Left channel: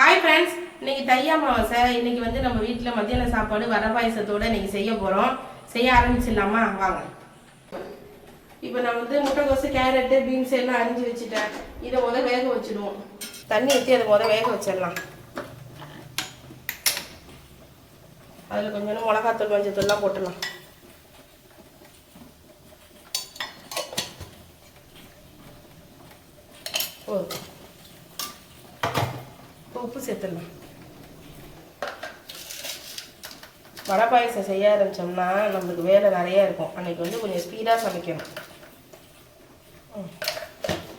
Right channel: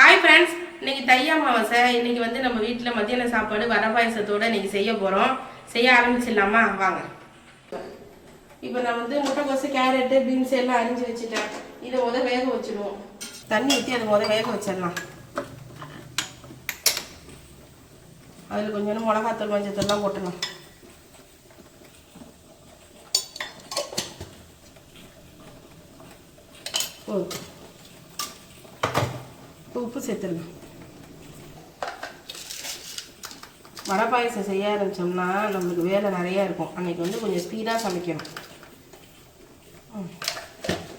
Hi friends இன்னைக்கு தை அமாவாசை. இன்னைக்கு வந்து நம்ம வீட்டில் மத்தியான சாப்பாடு வர பாயசத்தோட இன்னைக்கு செய்ய போகிறோம் செய்ய ஆரம்பிச்சிடலாமா? வாங்க. இப்போ நான் வந்து முட்டைக்கோசு கேரட்டு பீன்ஸ் எல்லாம் அரிஞ்சு வச்சுட்டேன். இதை முத வேக வச்சிடுவோம் தண்ணி ஊற்றி அதை முத வேக வச்சிடலாம். அதில் கொஞ்சம் மிளகாத்தூள் மஞ்சத்தூள்லாம் போட்டுடலாம். ஓகே. உப்பு சேர்த்துடலாம். வடை பாயசம் செய்ய ஆரம்பித்தோம்னா நம்மளுக்கு வேலை நிறையா இருக்கும். அன்னைக்கு வந்து கொஞ்சம் ஸ்பீடாக சமைக்கணும். ம்.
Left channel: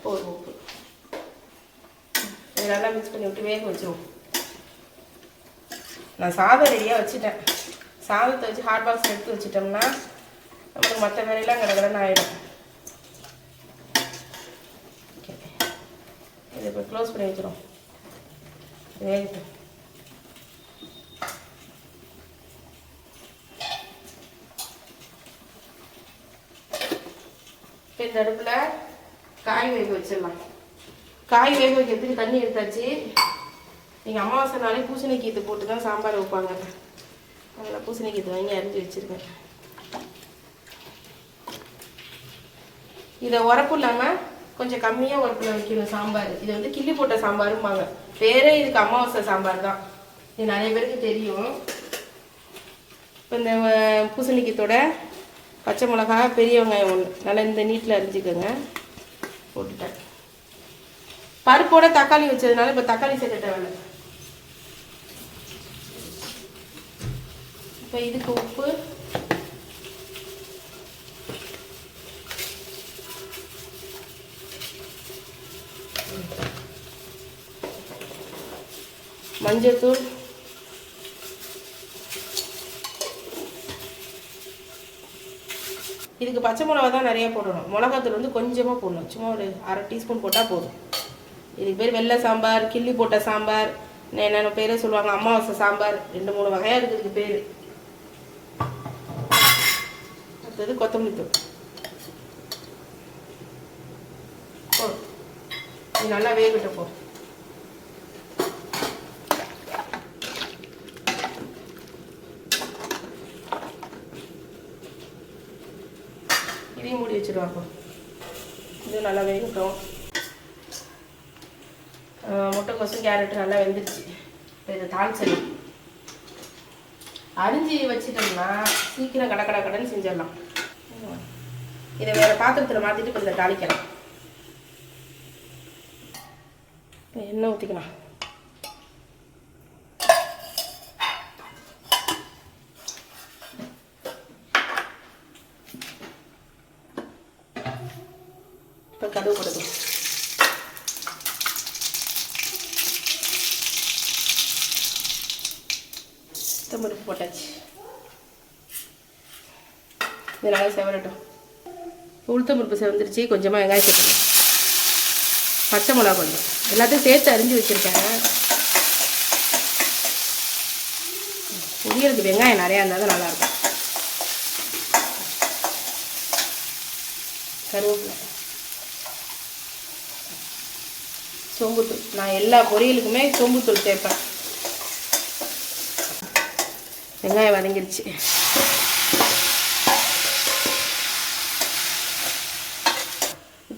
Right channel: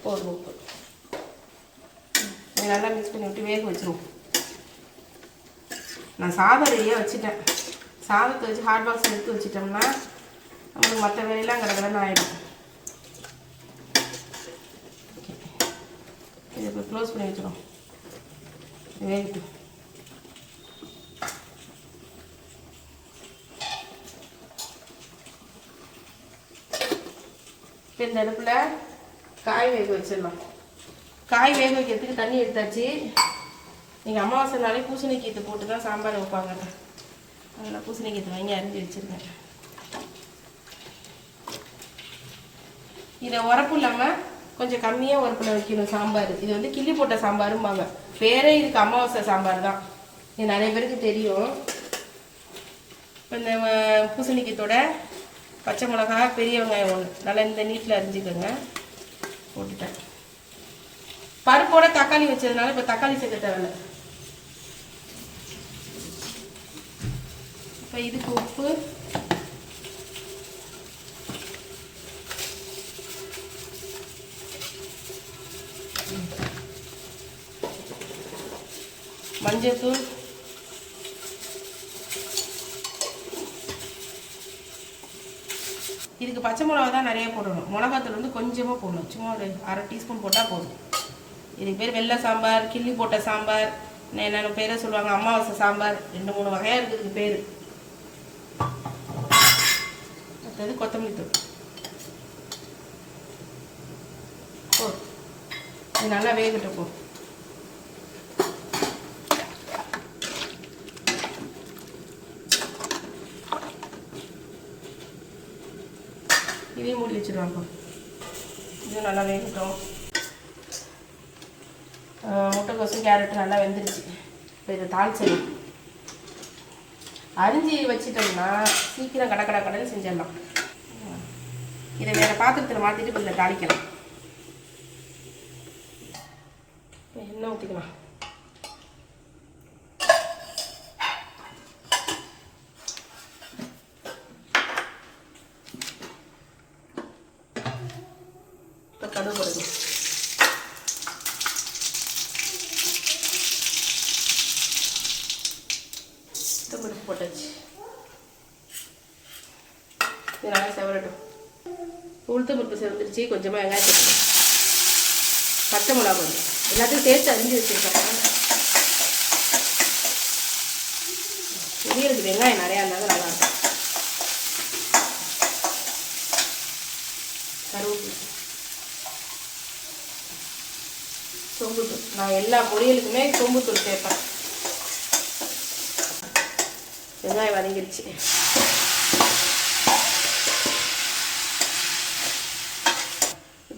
உப்பு. நல்லா மிக்ஸ் பண்ணி விட்டு வேக வச்சிருவோம். நான் சாதம் ரெடியாக வச்சுட்டேன். சாதத்தை வச்சு ஹாட் பாக்ஸ் எடுத்து வச்சிட்டோம்னா நம்மளுக்கு மற்ற வேலையெல்லாம் கடகடன்னு ஆகிடும் இதை இப்போ க்ளோஸ் பண்ணி வச்சுருவோம். வேகட்டும் இந்த அடுப்பில் காய் வேக வச்சிடலாம் காய் வேக வைக்கிறதுக்கு தண்ணி எடுத்தாச்சு. நீங்கள் அமாவாசைனாலே பூசணிக்கீத்து போட்டு தான் சாம்பார் வைப்பாங்க. அதில் பூசணிக்கீத்து வாங்கி அரிஞ்சு வச்சுருக்கேன். இதை உரப்பு இல்லாமல் கொஞ்சம் கம்மியாக உரப்புல வைக்கணும் சாம்பார். இது வந்து கிள்ளி போட்ட சாம்பாரும்பாங்க. பேரே இதுக்கு அமாவாசை சாம்பார் தான். இது நிறைய பேருக்கு தெரியும். இப்போ இந்த பூசணிக்கத்தோட பச்சை மிளகா பெரிய வெங்காயம் ஒன்று நல்லா இந்த நீட்டில் அரிஞ்சுக்கோங்க. போட்டுட்டேன். பருப்போட தக்காளி வச்சதுனால இப்போ தக்காளி சேர்க்க தேவை இப்போ இதுக்கு உப்பு மஞ்சத்தூள் இதுக்கு பச்சை மிளகா தான் நிறைய போடணும். மிளகாத்தூள் வந்து கொஞ்சமாக போடணும். சும்மா ஒரு அரை டீஸ்பூன் போட்டால் போதும். இதுக்கு பேர் வெள்ளை சாம்பார் கிள்ளி போட்ட சாம்பார் என்னென்ன பேரே சொல்லுவாங்க அமாவாசை சாம்பார் ரெண்டு மூணு வகையாக இருக்குது இதுக்கு பேர். அடுத்தது கொத்தமல்லி தூள். ஓ இது நல்லா வேகட்டும் போதும் இதையும் மூடி வச்சுருவாங்க. இது நல்லா வேகட்டும் முட்டைக்கோசு கேரட் நல்லா வெந்துருச்சு. இப்போ இதை தாளிச்சிடலாம். அரிஞ்சு வச்சிட்டோம்னா சீக்கிரம் கட கட கடன்னு செஞ்சிடலாம். இதை வேற பாத்திரத்தில் மாற்றிட்டு கொஞ்சம் தாளிக்கலாம். இப்போ எண்ணெய் ஊற்றிக்கலாம் இப்போ கடுகு கொடுக்கணும் பருப்பு போட்டாச்சு இது நல்லா செவரட்டும் உளுத்தம் பருப்பு செவந்துருச்சு கொஞ்சமாக வெங்காயம் சேர்க்கணும் பச்சை மிளகா கொஞ்சம். எல்லாத்தையும் சேர்த்து அரிஞ்சு வச்சுருக்கேன். உயிருக்கு வெங்காயம் நிறையா இருந்தால் தான் நல்லாயிருக்கும் கருவேப்பிலை. சோம்புத்தூள் நான் எல்லா பொரியலுக்குமே சோம்புத்தூள் சேர்ப்பேன். வெங்காயம் வதங்கிருச்சு.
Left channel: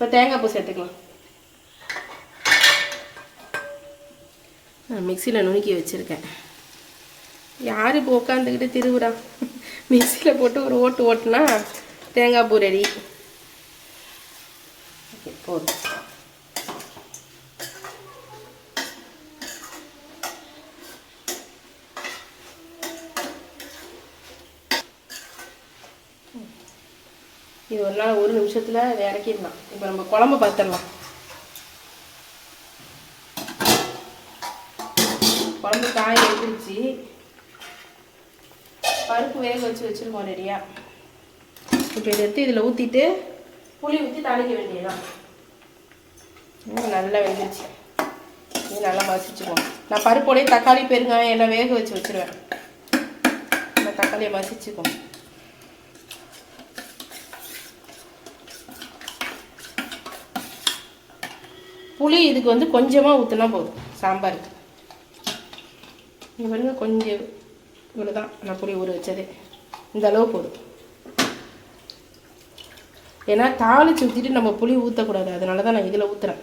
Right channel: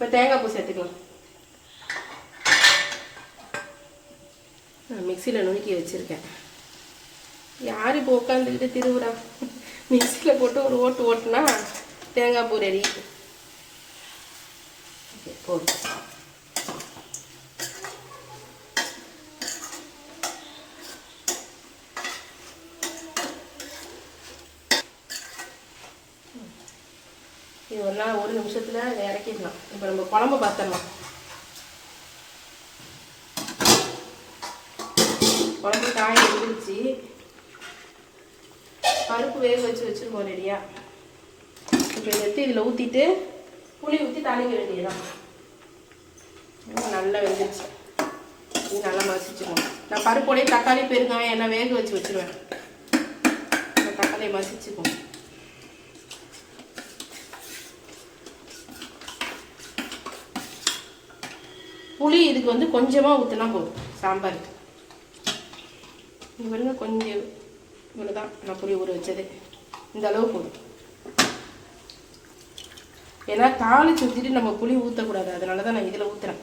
இப்போ தேங்காய் பூ சேர்த்துக்கலாம். நான் மிக்சியில் நுணுக்கி வச்சுருக்கேன். யார் இப்போ உட்காந்துக்கிட்டு திருவுறா? மிக்சியில் போட்டு ஒரு ஓட்டு ஓட்டுனா தேங்காய் பூ ரெடி ஓகே போதும் இது ஒரு நாள் ஒரு நிமிஷத்தில் இறக்கிடலாம். இப்போ நம்ம குழம்பு பார்த்துடலாம் குழம்பு காய வந்துருச்சு. பருப்பு வேக வச்சு வச்சுருவோம் ரெடியா. இப்போ இதை எடுத்து இதில் ஊற்றிட்டு புளி ஊற்றி தாளிக்க வேண்டியதுதான். நல்லா வெந்துச்சு இது நல்லா மசிச்சுக்கணும் நான் பருப்போடையே தக்காளி பெருங்காயம் எல்லாம் வேக வச்சு வச்சுருவேன். தக்காளியை மசிச்சுக்கணும் புளி இதுக்கு வந்து கொஞ்சமாக ஊற்றினா போதும். சாம்பாருக்கு இவருங்க கொஞ்சம் இவ்வளோ தான் நான் புளி ஊற வச்சது. இந்த அளவு போதும். ஏன்னா தாளிச்சு ஊற்றிட்டு நம்ம புளி ஊற்றக்கூடாது அதனால தான் நான் இதில் ஊற்றுறேன்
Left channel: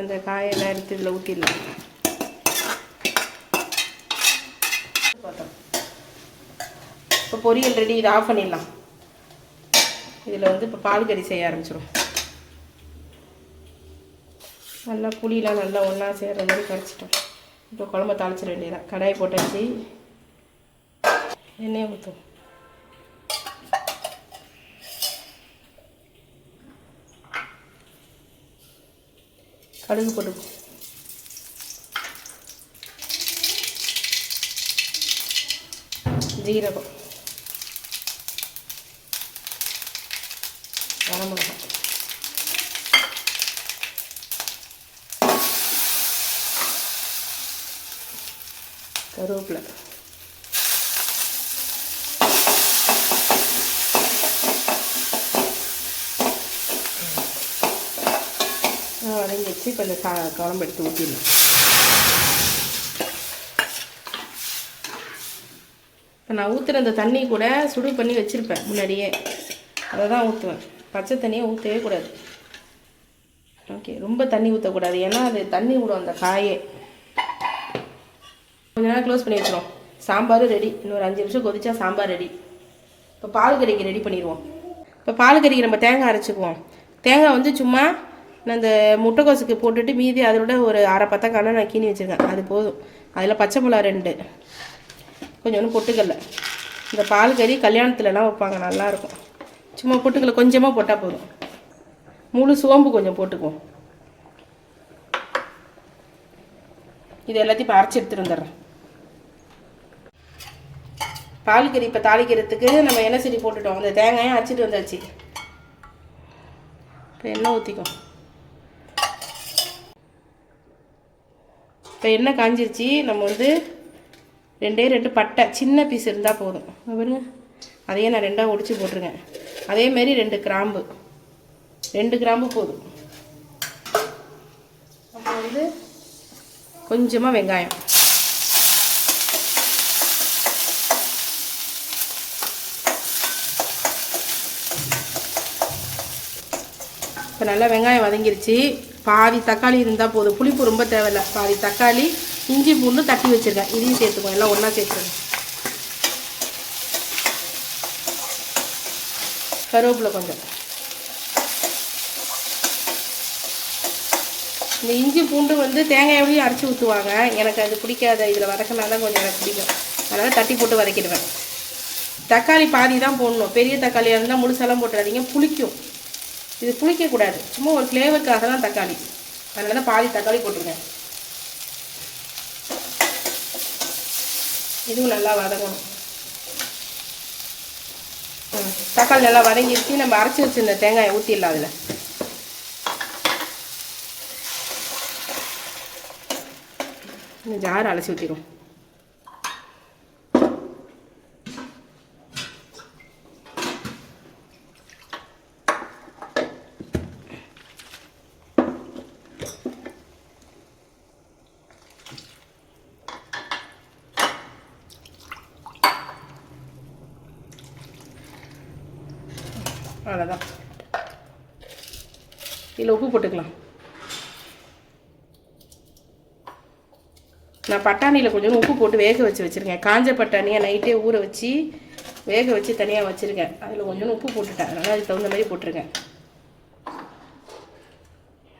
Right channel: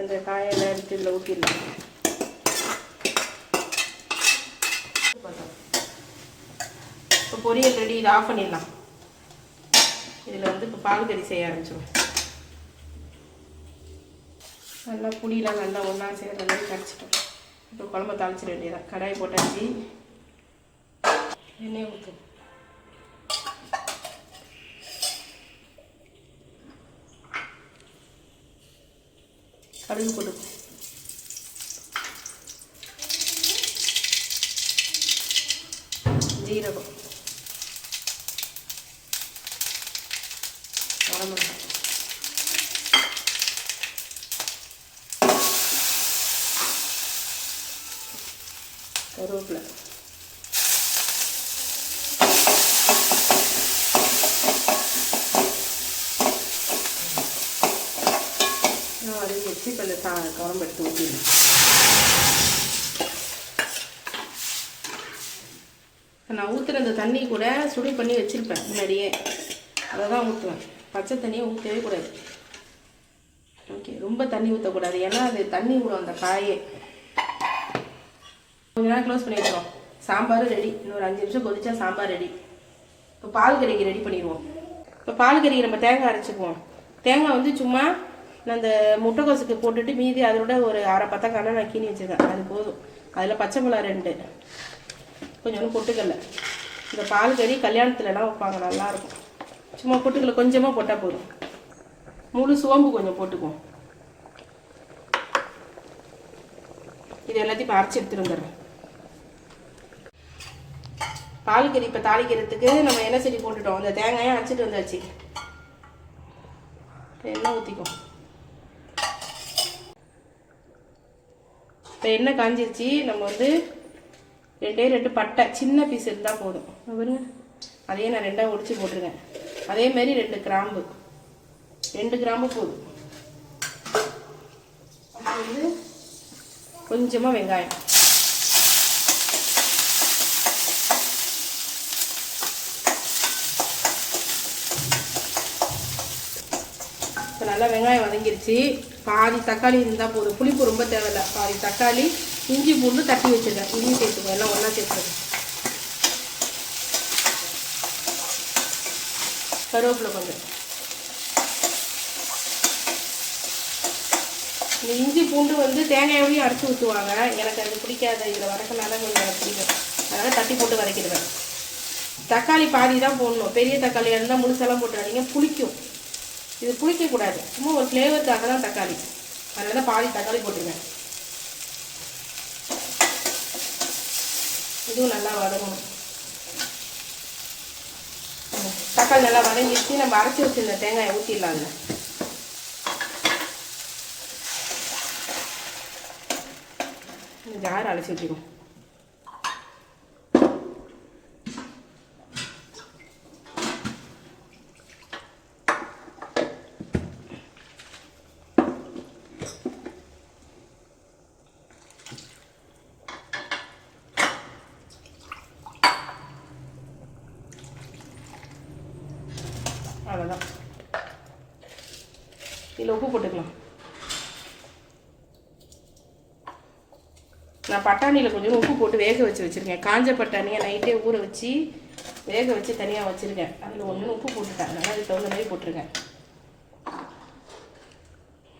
இந்த காயெல்லாம் எடுத்து இதில் ஊற்றிடலாம் இப்போ பொரியல் ரெடி இதை ஆஃப் பண்ணிடலாம். இதில் வந்து இப்போ பால் கறி செய்ய ஆரம்பிச்சிடும் நல்லா புளியெலாம் நல்லா ஒன்றா சேர்ற மாதிரி கரைச்சிட்டோம். இப்போ குழம்ப தாளிச்சிட வேண்டியதான் கடாயை போட்டாச்சு. எண்ணெயை ஊற்றும் கடுகு போட்டு ஜீரகம். கரம் மிளகாய் கருவேப்பிலை வச்சு இப்போ இந்த சா குழம்பு எடுத்து ஊற்றிடணும் இப்போ நான் ஊற்றுற அந்த தண்ணி கூட சுடு பண்ணி வச்சுருப்பேன் முன்னாடியே. அதை தான் ஊற்றுவேன் பச்சை தண்ணியை ஊற்றவே கூடாது. ஓகே ரொம்ப தண்ணி ஊற்றக்கூடாது ஏன்னா அது தண்ணி விடும் அந்த காயே. கொஞ்ச நேரம் க்ளோஸ் பண்ணி வச்சிடும் சாம்பார் ரெடி இன்னொரு அஞ்சு நிமிஷம் கொதிச்சா சாம்பார் ரெடி இப்போ பால் கறிக்கு ரெடி பண்ணிடுவோம். இப்போ பால் கறிக்கு நம்ம தேங்காய் அரைச்சிக்குவோம். தேங்காய் வந்து சும்மா நான் அந்த முட்டைக்கோசுக்கு போட்டுட்டு மீதி அதோட ஒரு அரை பத்தக்கான நான் கீனி வச்சுருக்கேன். அது போதும். அதில் பச்சை மிளகா ரெண்டு. கொஞ்சோண்டு பொட்டுக்கல்ல. இந்த பால் கறி கல்யாணத்துலலாம் வைப்பாங்க. நல்லாயிருக்கும் சும்மா பொட்டுக்கல கொஞ்சமாக போட்டால் போதும். முழு சோம்பு கொஞ்சம் போட்டுக்குவோம். இது எல்லாத்தையும் இப்போ அரைச்சி எடுத்துட்டு வந்துடுறேன். பால் கறி இப்போ தாளிக்கிறதுக்கு நம்ம எண்ணெய் செடி போட்டுட்டோம். அந்த தேங்காயும் அரைச்சிட்டு வந்தாச்சு. இப்போ எண்ணெய் ஊற்றிக்கும் இப்போ எண்ணெய் காஞ்சிருச்சு. நம்ம வந்து ரெண்டே ரெண்டு பட்டை சின்ன பீஸ் இருந்தால் போதும். இங்க பாருங்க. அதையே நான் ரெண்டாக ஒடிச்சு போட்டிருக்கேன். அதே மாதிரி ரெண்டு கிராம்பு. ரெண்டு கிராம்பு போதும். அப்புறம் வந்து கொஞ்சமாக வெங்காயம். இப்போ நல்லா வெங்காயம் வதங்கிருச்சு. பாதி தக்காளி இருந்தால் போதும். புளிப்பு ரொம்ப தேவையில்லை. பாதி தக்காளி இஞ்சி பூண்டு தட்டி வச்சுருக்கேன். இதையும் சேர்த்துக்கோங்க. எல்லாம் ஒன்றா சேர்த்துக்கோங்க. கருவேப்பிலை கொஞ்சம். இந்த இஞ்சி பூண்டு வந்து தேங்காயாவையும் அரைச்சி ஊற்றுவாங்க எனக்கு அது பிடிக்காத. இதில் வதக்கினாதான் கொஞ்சம் எனக்கு பிடிக்கும். அதனால் தட்டி போட்டு வதக்கிடுவேன். தக்காளி பாதி தான் போடணும். பெரிய தக்காளியாக இருந்தால் முழுசெல்லாம் போட்டுறாதீங்க. புளிக்கும். இது புளிக்கக்கூடாது. சும்மா ஒரு ஃப்ளேவருக்காக தான் தக்காளி. அதனால தான் பாதி தக்காளி போட்டுருக்கேன். இதுவும் நல்லா வதங்கணும். தக்காளி நல்லா வதங்கிடுச்சு நம்ம அரைச்சி வச்சுருந்த தேங்காயை ஊற்றிடலாம் அதில். இந்த ஜார் அலசி ஊற்றிடும் அவ்வளோதான் இதில் உப்பு போட்டுக்கலாம். நான் பட்டாணியில் கொஞ்சம் உப்பு போட்டு வேக வச்சு வச்சுருக்கேன். காஞ்ச பட்டாணியை நைட்டே ஊற வச்சு வேக வச்சு தனியாக வச்சுருக்கேன். அதில் கொஞ்சம் உப்பு போட்டுட்டேன். அதனால் அதுக்கு தகுந்த மாதிரி போட்டிருக்கேன்.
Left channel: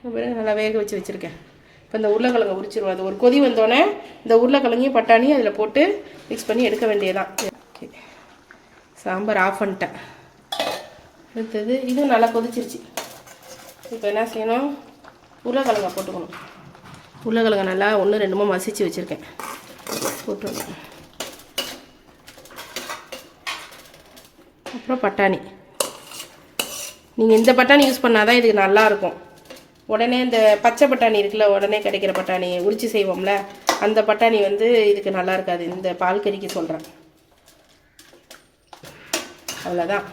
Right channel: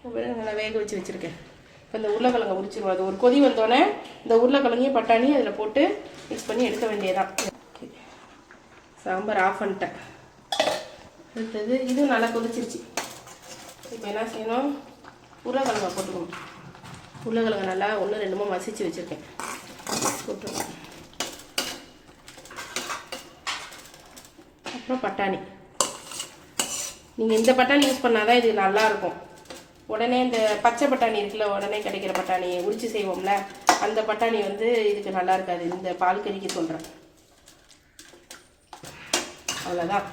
அப்புறம் நல்லா வேக வச்சு வச்சுருக்கேன். இப்போ இந்த உருளைக்கிழங்கு உரிச்சிருவோம். அது ஒரு கொதி வந்தோடனே இந்த உருளைக்கிழங்கையும் பட்டாணியும் அதில் போட்டு மிக்ஸ் பண்ணி எடுக்க வேண்டியதான் ஓகே சாம்பார் ஆஃப் பண்ணிட்டேன். அடுத்தது இதுவும் நல்லா கொதிச்சிருச்சு. இப்போ என்ன செய்யணும்? உருளைக்கிழங்கை போட்டுக்கணும். உருளைக்கிழங்க நல்லா ஒன்று ரெண்டுமோ மசிச்சு வச்சுருக்கேன். போட்டுருக்கேன் அப்புறம் பட்டாணி. நீங்கள் இந்த பட்டாணி யூஸ் பண்ணால் தான் இதுக்கு நல்லாயிருக்கும் உடனே இந்த பச்சை பட்டாணி இருக்குல்ல உடனே கிடைக்கிற பட்டாணி உரிச்சு செய்வோம்ல அந்த பட்டாணி வந்து இதுக்கு நல்லா இருக்காது. இந்த பால் கறிக்கு சொல்கிறேன் அவ்வளோதான்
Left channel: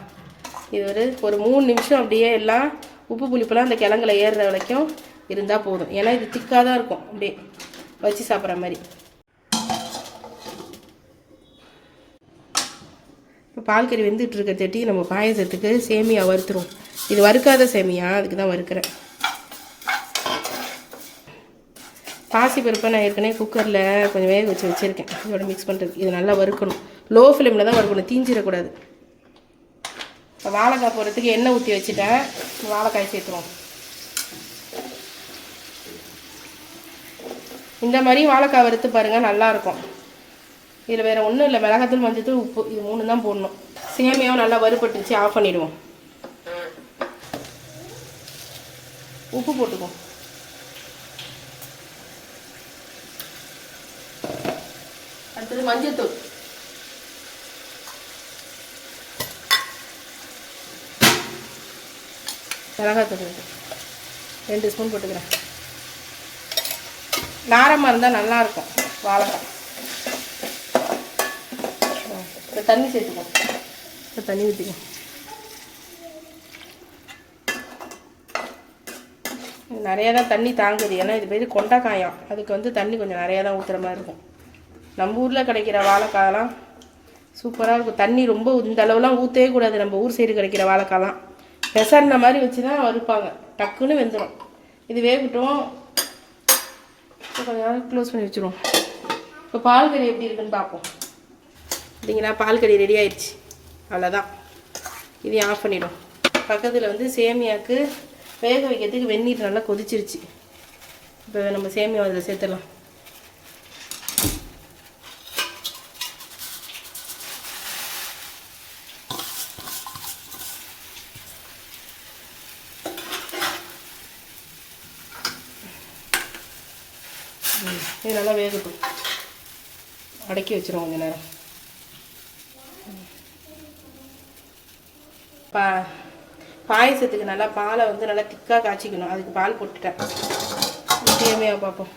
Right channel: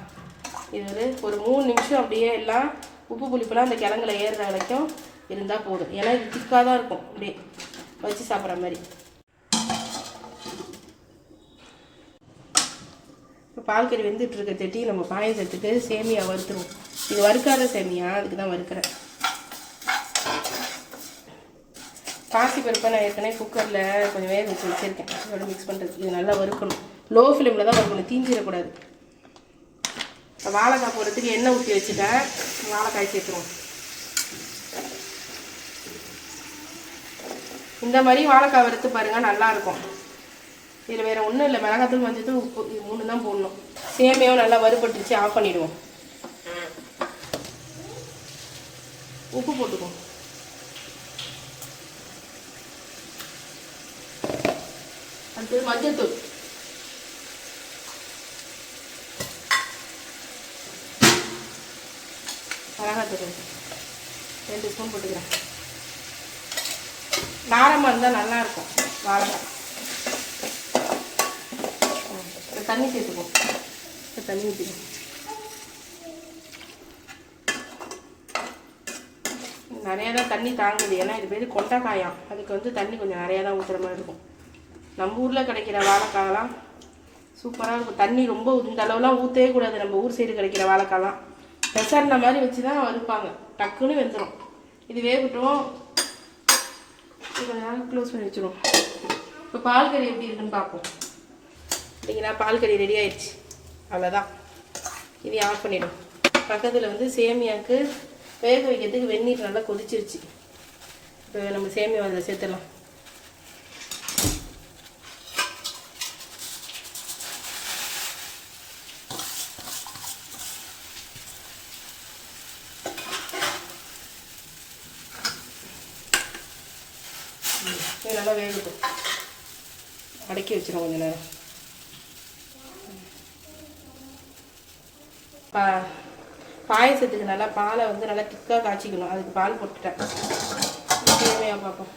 இது ஒரு ஒரு மூணு நிமிஷம் அப்படியே எல்லாம் உப்பு புளிப்பெல்லாம் அந்த கிழங்குல ஏறுற வரைக்கும் இருந்தால் போதும். ஏன்னா இது திக்காக தான் இருக்கும். அப்படியே வச்சு சாப்பிட்ற மாதிரி. இப்போ பால் கறி வெந்துட்டு இருக்க தட்டி நம்ம பாயசத்துக்கு சேமியா வறுத்துரும் இது வறுக்காத சேமியா அதுக்கு தான் வறுக்கிறேன். பாசி பருப்பை நான் ஏற்கனவே குக்கரில் கொஞ்சம் வேக வச்சு வச்சுருக்கேன். இதோட மிக்ஸ் பண்ணுறது இது நல்லா வறுக்கணும். லோ ஃப்ளேமில் தான் வறுக்கணும். தீஞ்சிடக்கூடாது. இப்போ வாழைக்காய் போடுறதுக்கு எண்ணெய் ஊற்றி வச்சுட்டேன். வாழைக்காய் சேர்த்துவோம் இந்த மாதிரி வாழைக்காய் வறுத்து பாருங்கள் நல்லாயிருக்கும் இதில் வேறு ஒன்றும் இல்லை மிளகாத்தூள் மஞ்சத்தூள் உப்பு இது மூணு தான் போடணும். சேமியாவும் நல்லா வறுபட்டுச்சு ஆஃப் பண்ணிவிடுவோம் உப்பு போட்டுக்குவோம். அடுத்தது மஞ்சத்தூள். மிளகாத்தூள் கொஞ்சம் ரெண்டு ஸ்பூன் போட்டுக்கிறேன். நாரமாக இருந்தால் நல்லாயிருக்கும் வாழைக்காய் இப்போ தண்ணி சேர்த்துக்கோ. இப்போ தண்ணி ஊற்றிக்கோ நிறையா தான் தண்ணி தாங்குது. ஏன்னா இது பேர் கொண்டைக்காயம். அதுக்கு வந்து தண்ணி கொஞ்சம் நிறையா தான் ஊற்றுற மாதிரி இருக்கும். நம்ம ஊரில் கிடைக்கிற வாழைக்காயெல்லாம் சூப்பராக இருக்கும். தண்ணி ரொம்ப இந்த அளவுலாம் ஊற்றவே கூடாது. நம்ம ஊர் சைடு கிடைக்கிற வாழைக்காயெல்லாம் பெசர்ன மாதிரி வச்சு தான் வறுப்பாங்க. டக்குன்னு வெந்துடும் இது வேகட்டும். கொஞ்ச நேரம் க்ளோஸ் பண்ணி வச்சுருவோம். இப்போ பால் கறி எப்படி இருக்குன்னு பார்ப்போம். பார்த்தீங்களா பால் கறி ரெடி ஆயிடுச்சு. அவ்வளோதான் இதை ஆஃப் பண்ணிடும். பக்கத்தில் வந்து சேமியாவுக்கு வேக வைக்கிறதுக்கு வெந்நீர் நல்லா கொதிச்சிருச்சு. இப்போ நம்ம சேமியா அதில் சேர்த்துடலாம். இது நல்லா வேகுது அடக்கி வச்சிருவோம் கொஞ்ச நேரம். பா பாயசத்துக்கு நல்லா பாலை வந்து நல்லா திக்காக காய்ச்சிக்கணும். அதுக்கு பால் போட்டுட்டேன். தேவையாக பார்ப்போம்.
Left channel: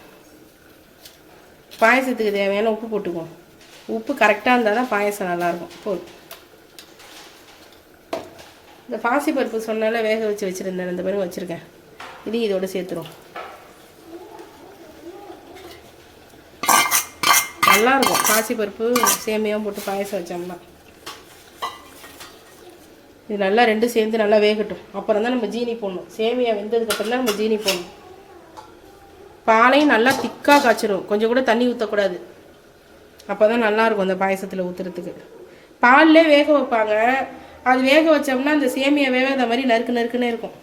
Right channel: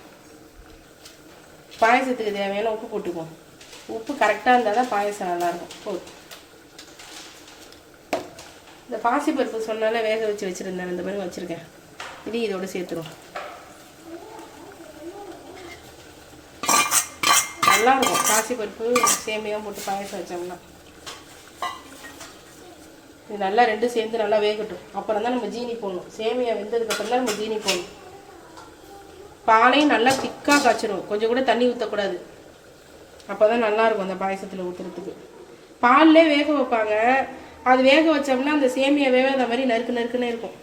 பாயசத்துக்கு தேவையான உப்பு போட்டுக்குவோம். உப்பு கரெக்டாக இருந்தால் தான் பாயசம் நல்லாயிருக்கும். போதும் இந்த பாசிப்பருப்பு சொன்னால வேக வச்சு வச்சுருந்தேன். இந்த பிறகு வச்சுருக்கேன். இதையும் இதோட சேர்த்துருவோம். நல்லாயிருக்கும். இருக்கும் பாசிப்பருப்பு சேமியாவும் போட்டு பாயசம் வச்சோம்னா இது நல்லா ரெண்டும் சேர்ந்து நல்லா வேகட்டும். அப்புறம் தான் நம்ம ஜீனி போடணும். சேமியா வெந்ததுக்கப்புறம் தான் நம்ம ஜீனி போடணும். பாலையும் நல்லா திக்காக காய்ச்சிடும் கொஞ்சம் கூட தண்ணி ஊற்றக்கூடாது அப்போ தான் நல்லாயிருக்கும் அந்த பாயசத்தில் ஊற்றுறதுக்கு பால்லே வேக வைப்பாங்க. அது வேக வச்சோம்னா அந்த சேமியா வேகாத மாதிரி நறுக்கு நறுக்குன்னே இருக்கும்.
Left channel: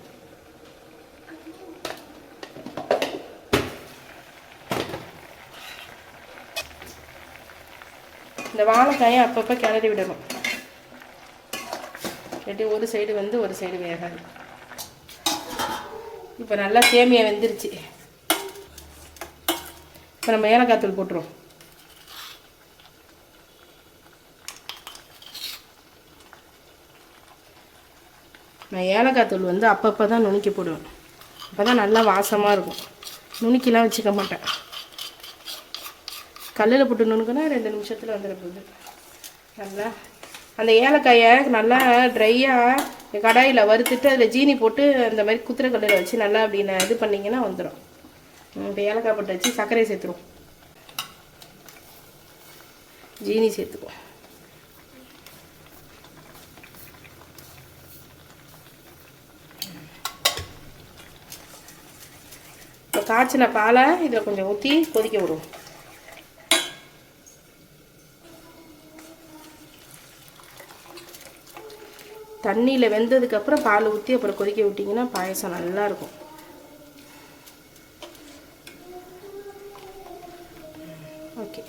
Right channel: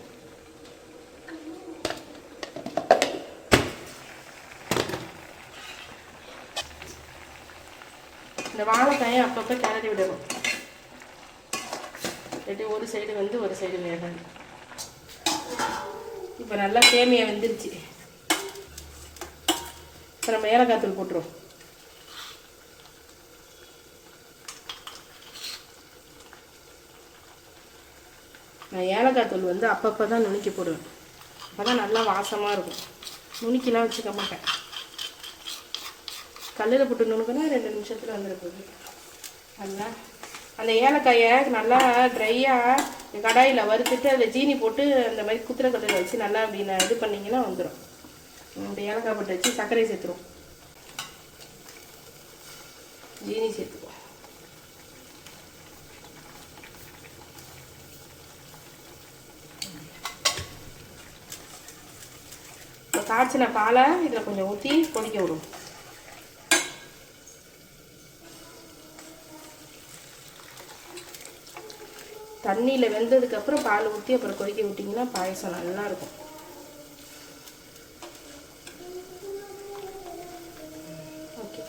இந்த வாழைக்காயை அப்பப்போ கிளறி விடணும். இல்லாட்டி ஒரு சைடு வந்து ஒரு சைடு வேகணும். இப்போ நல்லா சேமியா வெந்துருச்சு. இப்போ நம்ம ஏலக்காய் தூள் போட்டுருவோம். நான் ஏலக்காய் தூள் வந்து அப்பப்போ தான் நுணுக்கி போடுவேன். அப்போ தான் நல்லா வாசமாக இருக்கும். நுணுக்கிலாம் வச்சுக்க மாட்டேன். கல்லில் போட்டு நுணுக்கினா ரெண்டு நிமிஷத்தில் வந்துட போகுது நல்லா. அந்த ஏலக்காயை நல்லா ட்ரையாக கடாயில் வறுத்துட்டு அதில் ஜீனி போட்டு அந்த மாதிரி குத்துற கல்லில் வச்சு நல்லா அப்படின்னு இது பண்ணிங்கன்னா வந்துடும் இப்போ ஏலக்காய் போட்டு வச்சு சர்க்கரை சேர்த்துருவோம். ஜீனி சேர்த்துக்குவோம். காய்ச்சின பாலை இதில் கொஞ்சம் ஊற்றி கொதிக்க விடுவோம். தண்ணியில் வெந்ததுக்கப்புறம் பால் ஊற்றி அப்புறம் கொதிக்க விட்டிங்கன்னா பாயசம் நல்லா இருக்கும் ஓகே.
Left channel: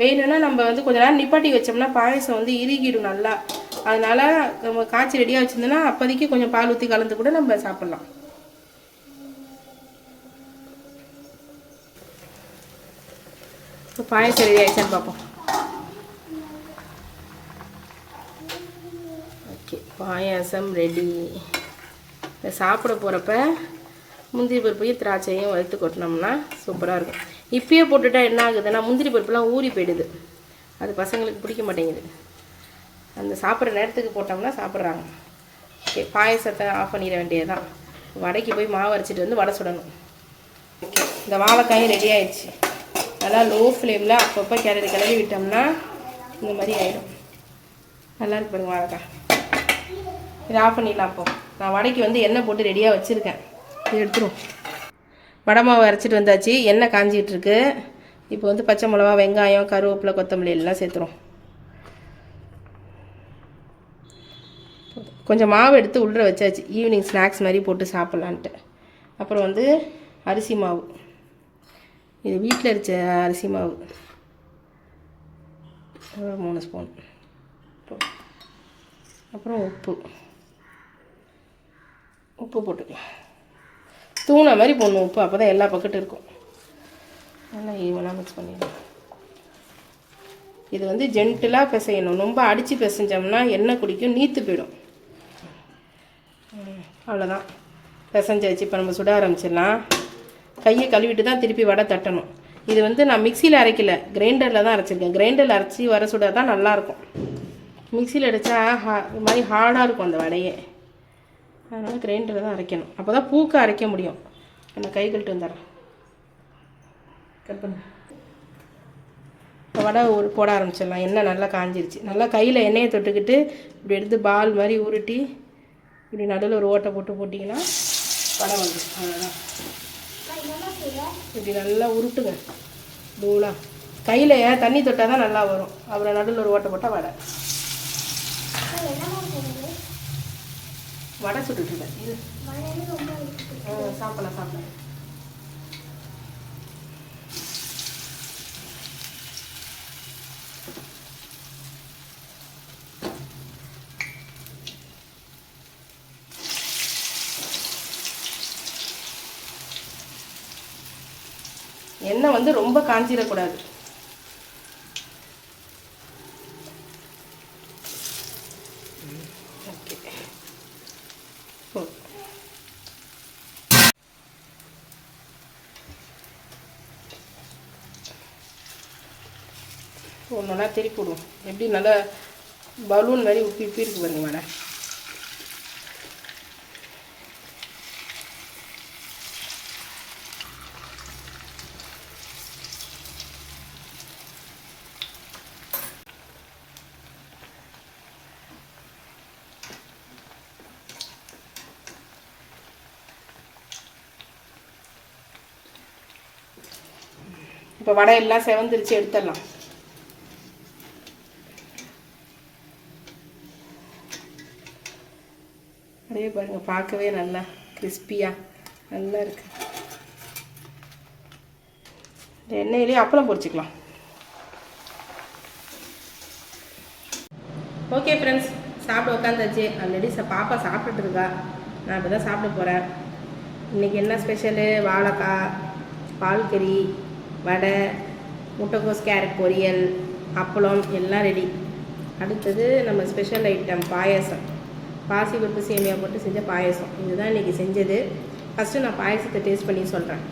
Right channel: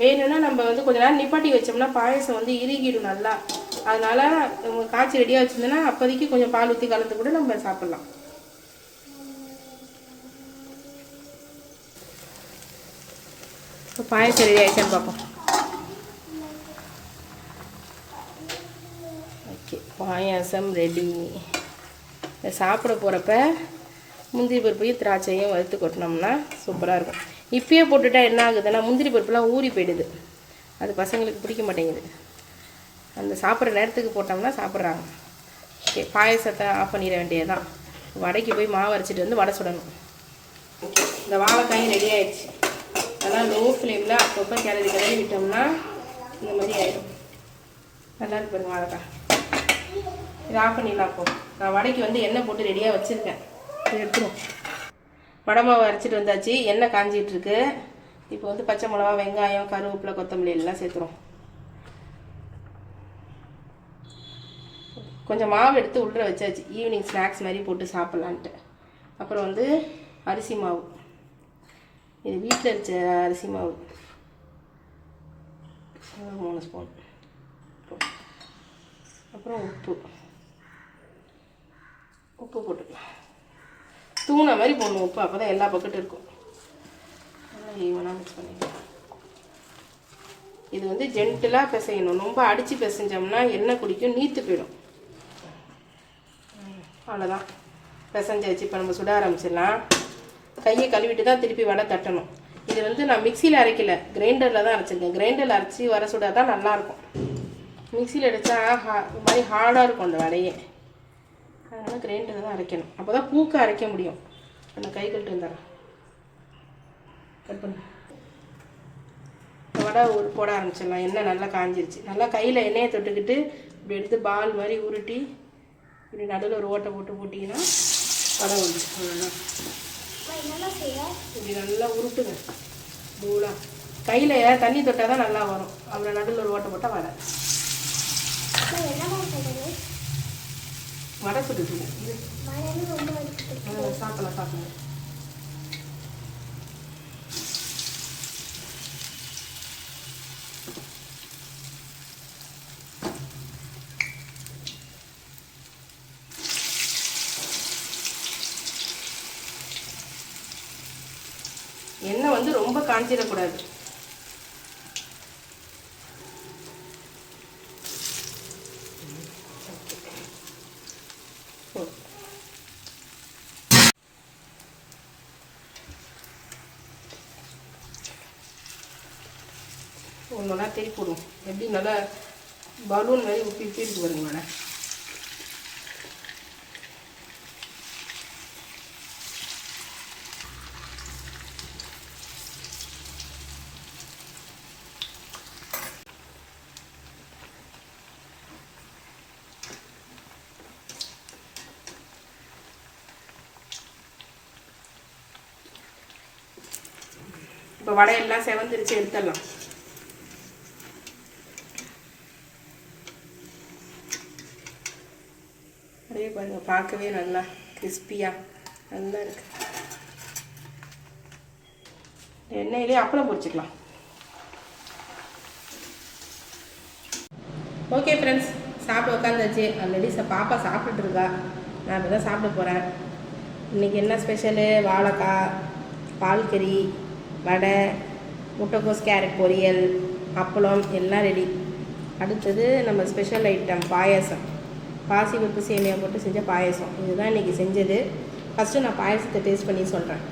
வேணும்னா நம்ம வந்து கொஞ்ச நேரம் நிப்பாட்டி வச்சோம்னா பாயசம் வந்து இறுகிடும் நல்லா. அதனால நம்ம காய்ச்சி ரெடியாக வச்சுருந்தோம்னா அப்போதைக்கு கொஞ்சம் பால் ஊற்றி கலந்து கூட நம்ம சாப்பிட்லாம். இப்போ பாயசம் ரெடி ஆயிடுச்சான்னு பார்ப்போம் ஓகே பாயாசம் ரெடி. இதை சாப்பிட போகிறப்ப முந்திரி பருப்பையும் திராட்சையும் வறுத்து கொட்டினோம்னா சூப்பராக இருக்கும். இப்பயே போட்டுட்டா என்ன ஆகுதுன்னா முந்திரி பருப்புலாம் ஊறி போயிடுது. அது பசங்களுக்கு பிடிக்க மாட்டேங்குது. அந்த சாப்பிட்ற நேரத்துக்கு போட்டோம்னா சாப்பிட்றாங்க. ஓகே பாயசத்தை ஆஃப் பண்ணிட வேண்டியது தான் வடைக்கு போய் மாவு அரைச்சிட்டு வந்து வடை சுடணும். இந்த வாழைக்காயும் ரெடி ஆயிடுச்சு. நல்லா லோ ஃப்ளேமில் அப்பப்போ கிளறி கிளறி விட்டோம்னா இந்த மாதிரி ஆயிடும். நல்லா இருக்கு பாருங்க வாழைக்காய். இதை ஆஃப் பண்ணிடலாம் அப்போ. நான் வடைக்கு வந்து எண்ணெய் போட்டு ரெடியாக வச்சுருக்கேன். இதை எடுத்துரும். வடை மாவு அரைச்சிட்டு வந்தாச்சு. எண்ணெய் காஞ்சிகிட்ருக்கு இப்போ வந்து பச்சை மிளகா வெங்காயம் கருவேப்பிலை கொத்தமல்லி எல்லாம் சேர்த்துரும். கொஞ்சம் மாவு எடுத்து உள்ளே வச்சாச்சு. ஈவினிங் ஸ்நாக்ஸ் மாதிரி போட்டு சாப்பிட்லான்ட்டு. அப்புறம் வந்து அரிசி மாவு. இது வீட்டில் அரிச்ச அரிசி மாவு. மூணு ஸ்பூன் அப்புறம் உப்பு. உப்பு போட்டுக்கலாம். தூணை மாதிரி போடணும் உப்பு. அப்போ தான் எல்லா பக்கெட்டும் இருக்கும். நல்லா ஈவனாக மிக்ஸ் பண்ணிக்கலாம். இது வந்து ஜென்டிலாக பிசையணும். ரொம்ப அடித்து பிசைஞ்சோம்னா எண்ணெய் குடிக்கும் நீத்து போயிடும். அவ்வளோதான் பிசைஞ்சாச்சு. இப்போ நம்ம சுட ஆரம்பிச்சிடலாம். கையை கழுவிட்டு தான் திருப்பி வடை தட்டணும். இது வந்து நான் மிக்சியில் அரைக்கல. கிரைண்டரில் தான் அரைச்சிருக்கேன். கிரைண்டரில் அரைச்சி வர சுட தான் நல்லாயிருக்கும் மிக்சியில் அடித்தா ஹா இது மாதிரி ஹார்டாக இருக்கும் அந்த வடையே. அதனால் கிரைண்டரில் தான் அரைக்கணும். அப்போ தான் பூக்க அரைக்க முடியும். நான் கை கழட்டு வந்துடுறேன். கட் பண்ணு வடை ஒரு போட ஆரம்பிச்சிடலாம் எண்ணெய் நல்லா காஞ்சிருச்சு. நல்லா கையில் எண்ணெயை தொட்டுக்கிட்டு இப்படி எடுத்து பால் மாதிரி உருட்டி இப்படி நடுவில் ஒரு ஓட்டை போட்டு போட்டிங்கன்னா வடை வந்துடும் அவ்வளோதான் இப்படி நல்லா உருட்டுங்க. பூலா கையில் தண்ணி தொட்டால் தான் நல்லா வரும். அப்புறம் நடுவில் ஒரு ஓட்டை போட்டால் வடை. வடை ம், சாப்பிடலாம் சாப்பிடலாம். எண்ணெய் வந்து ரொம்ப காஞ்சிடக்கூடாது ஓகே. ஒரு நல்லா திருப்பி விடுவோம் எப்படி நல்லா பலூன் மாதிரி உப்பி உப்பி இருக்கு பாருங்க மேடம் இப்போ வடை எல்லாம் செவந்துருச்சு எடுத்துடலாம். அப்படியே பாருங்க பார்க்கவே நல்லா கிறிஸ்பியாக நல்லா இருக்கு. எண்ணெயிலே அப்பளம் பொரிச்சுக்கலாம். ஓகே ஃப்ரெண்ட்ஸ் சாப்பிட உட்காந்தாச்சு. ஆல்ரெடி பாப்பா சாப்பிட்டுட்டு இருக்கா. நான் இப்போ தான் சாப்பிட போகிறேன் இன்றைக்கி என்ன ஸ்பெஷலு வாழைக்காய் பால்கறி வடை முட்டைக்கோஸ் கேரட் பொரியல் அப்பளம் எல்லாம் ரெடி அடுத்தது நம்ம ஸ்பெஷல் ஐட்டம் பாயாசம். பாசி பருப்பு சேமியா போட்டு செஞ்ச பாயாசம். இதுதான் இன்றைக்கி செஞ்சது. ஃபஸ்ட்டு நான் பாயசத்தை டேஸ்ட் பண்ணி சொல்கிறேன்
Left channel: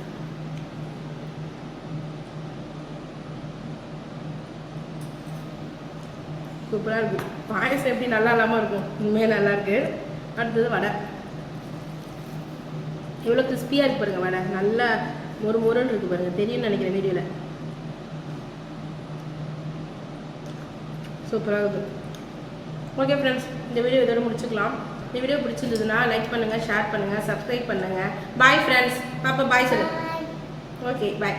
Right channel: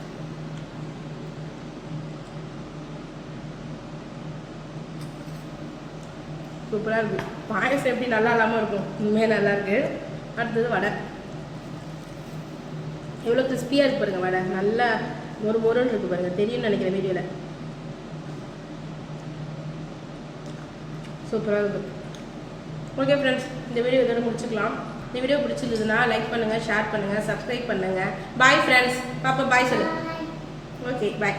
சூப்பராக இருக்குது பாயசம் எப்படி நல்லா இல்லாமல் இருக்கும்? உண்மையாக நல்லாயிருக்கு அடுத்தது வடை. எவ்வளோ கிறிஸ்பியாக இருக்குது பாருங்கள் வடை. நல்லா மொறு மொறுன்னு இருக்குது பாருங்கள் தெரியும்னு நினைக்கிறேன் வீடியோவில் சூப்பராக இருக்கும் ஓகே ஃப்ரெண்ட்ஸ் இந்த வீடியோ இதோட முடிச்சுக்கலாம். இந்த வீடியோ பிடிச்சிருந்ததுன்னா லைக் பண்ணுங்கள் ஷேர் பண்ணுங்கள் சப்ஸ்கிரைப் பண்ணுங்கள் பாய் ஃப்ரெண்ட்ஸ் பாப்பா பாய் சொல்லு. Okay bye